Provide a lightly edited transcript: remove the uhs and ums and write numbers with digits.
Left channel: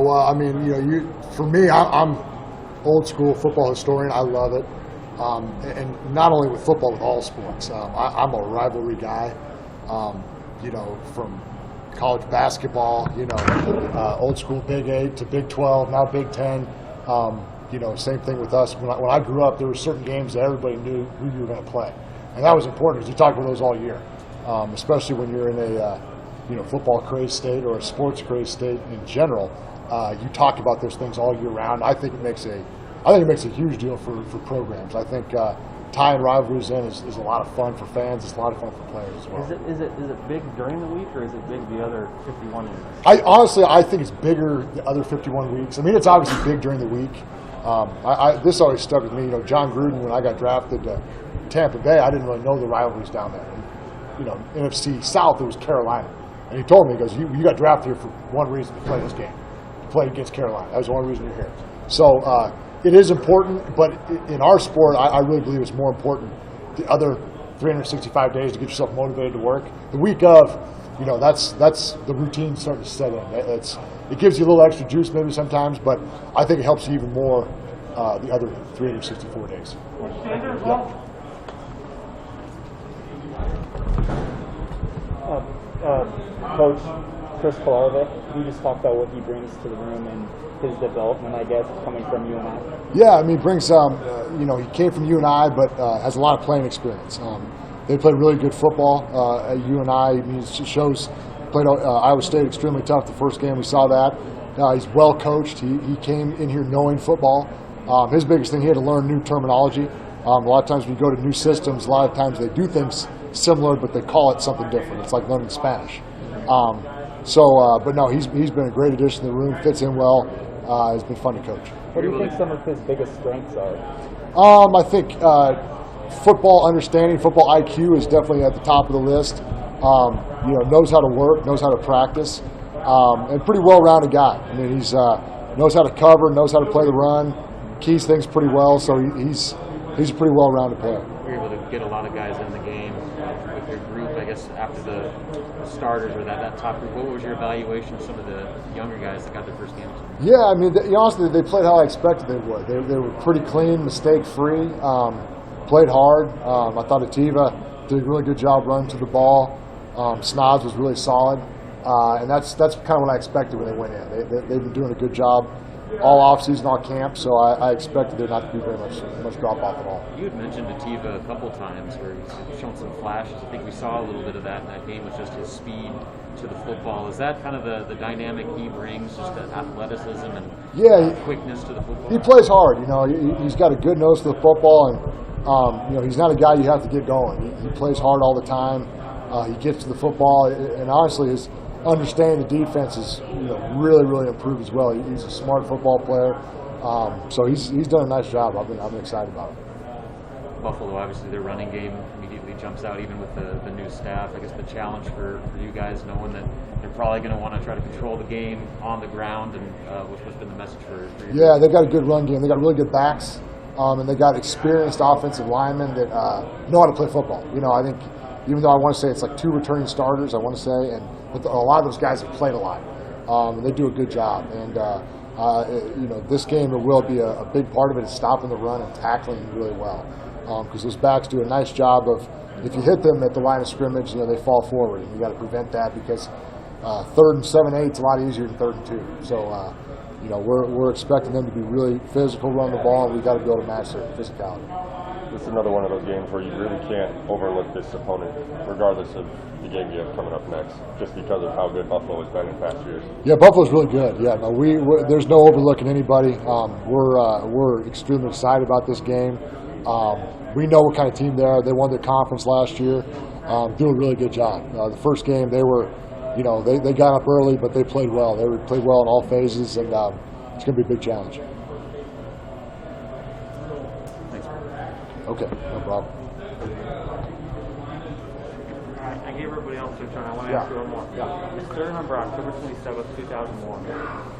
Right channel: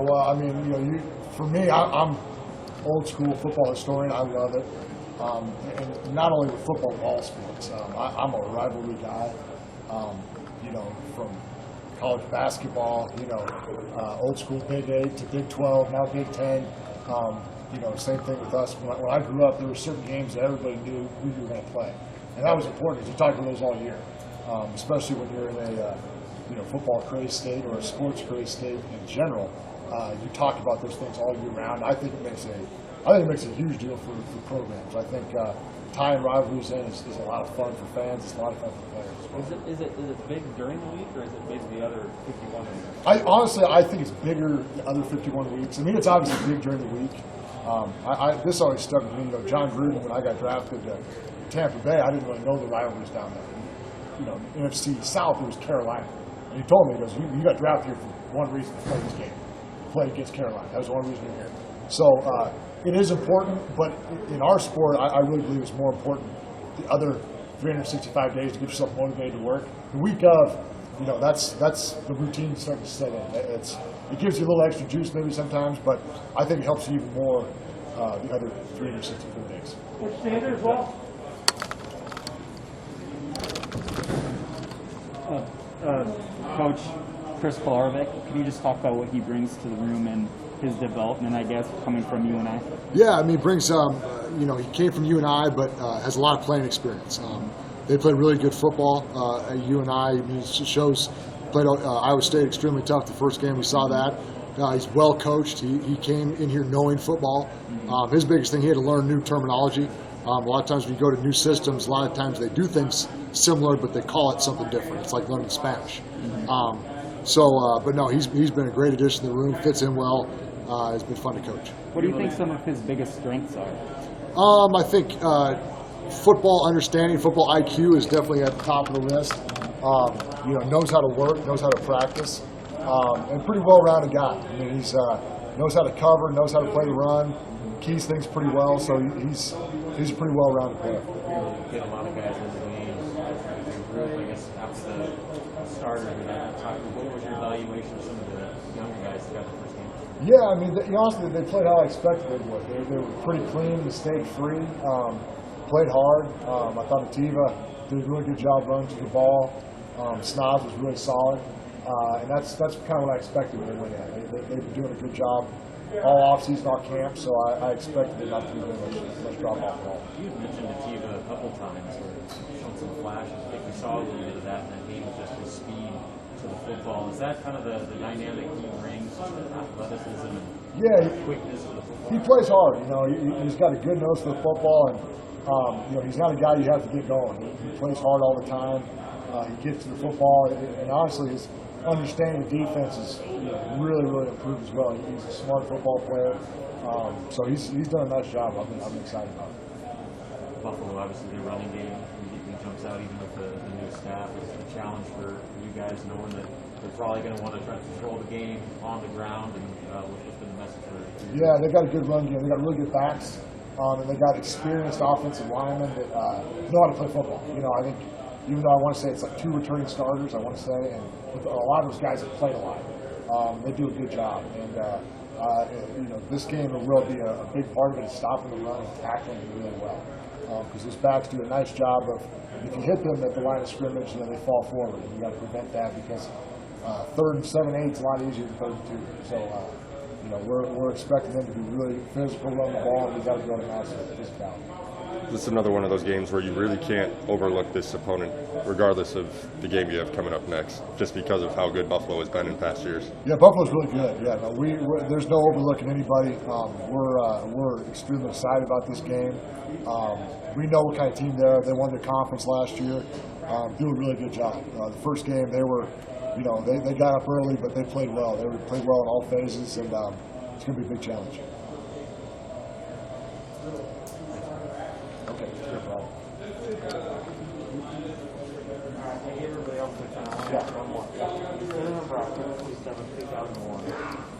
Well, I mean, for me, I'm old school football historian. I love it, and not only with football, with all sports. I'm a rivalry guy. From college basketball, old school Big 8 to Big 12, now Big 10. Same thing with us. When I grew up, there were certain games that everybody knew who you were going to play, and that was important because you talk about those all year, especially when you're in a football crazed state or a sports crazed state in general. You talk about those things all year round. I think it makes a huge deal for programs. I think tying rivalries in is a lot of fun for fans. It's a lot of fun for players as well. Is it big during the week, or is it big the other 51 weeks? I think it's bigger the other 51 weeks. I mean, it's obviously big during the week. This always stuck with me. John Gruden, when I got drafted to Tampa Bay, I didn't really know the rivalries down there. NFC South, it was Carolina. And he told me, he goes, you got drafted here for one reason, to play this game, to play against Carolina. That was the only reason you're here. So it is important, but in our sport, I really believe it's more important the other 365 days to get yourself motivated to work. The week of, that's the routine starting to set in. It gives you a little extra juice maybe sometimes, but I think it helps you even more the other 364 days. Coach Chris Kolarovic, can you just talk about what he brings to the room and his development, I guess, coming from UNI? Yeah, I mean, he brings, he came from UNI, but has a lot of playing experience. They played really good football at UNI. I mean, played Iowa State extremely tough the first game. We saw that. He's well coached. He came in here knowing football. His biggest thing, he had to learn new terminology. A lot of times when you go to new systems, a lot of times they do things similar, but they call it something different. It's like learning Spanish. But no, he's been a great addition to the room, fits in well. It's been fun to coach. What do you think some of his biggest strengths are? I think football understanding, football IQ is definitely at the top of the list. Knows how to work, knows how to practice, and pretty well-rounded guy. I mean, he's knows how to cover, knows how to play the run, keys things pretty well. So he's a pretty well-rounded player. You're able to get a lot of guys in the game with your group. I guess after the starters or that top group, what was your evaluation of some of the younger guys that got their first games? Yeah, I mean, honestly, they played how I expected they would. They were pretty clean, mistake-free, played hard. I thought Ativa did a really good job running to the ball. Snod's was really solid, and that's kind of what I expected when they went in. They've been doing a good job all off-season, all camp, so I expected there not to be very much drop-off at all. You had mentioned Ativa a couple times where he's shown some flashes. I think we saw a little bit of that in that game with just his speed to the football. Is that kind of the dynamic he brings, just the athleticism and quickness to the football? He plays hard. He's got a good nose to the football, and he's not a guy you have to get going. He plays hard all the time. He gets to the football, and honestly, his understanding the defense is really, really improved as well. He's a smart football player, so he's done a nice job. I've been excited about it. Buffalo, obviously, their running game immediately jumps out, even with the new staff. I guess the challenge for you guys, knowing that they're probably going to want to try to control the game on the ground, and what's been the message for you? Yeah, they've got a good run game. They got really good backs, and they got experienced offensive linemen that know how to play football. I think even though I want to say it's like 2 returning starters, I want to say, but a lot of those guys have played a lot, and they do a good job. And this game, it will be a big part of it is stopping the run and tackling really well. Because those backs do a nice job of, if you hit them at the line of scrimmage, they fall forward, and you got to prevent that because 3rd and 7/8 is a lot easier than 3rd and 2. So, we're expecting them to be really physical, run the ball, and we got to be able to match their physicality. This is another one of those games where you really can't overlook this opponent, regardless of the game you have coming up next, just because of how good Buffalo has been in past years. Yeah, Buffalo's really good. Yeah, no, there's no overlooking anybody. We're extremely excited about this game. We know what kind of team they are. They won their conference last year. Do a really good job. The first game, they were, they got up early, but they played well. They played well in all phases, and it's going to be a big challenge. Okay, no problem. I gave everybody else their turn. I want to ask you one more. You still remember October 27th, 2001.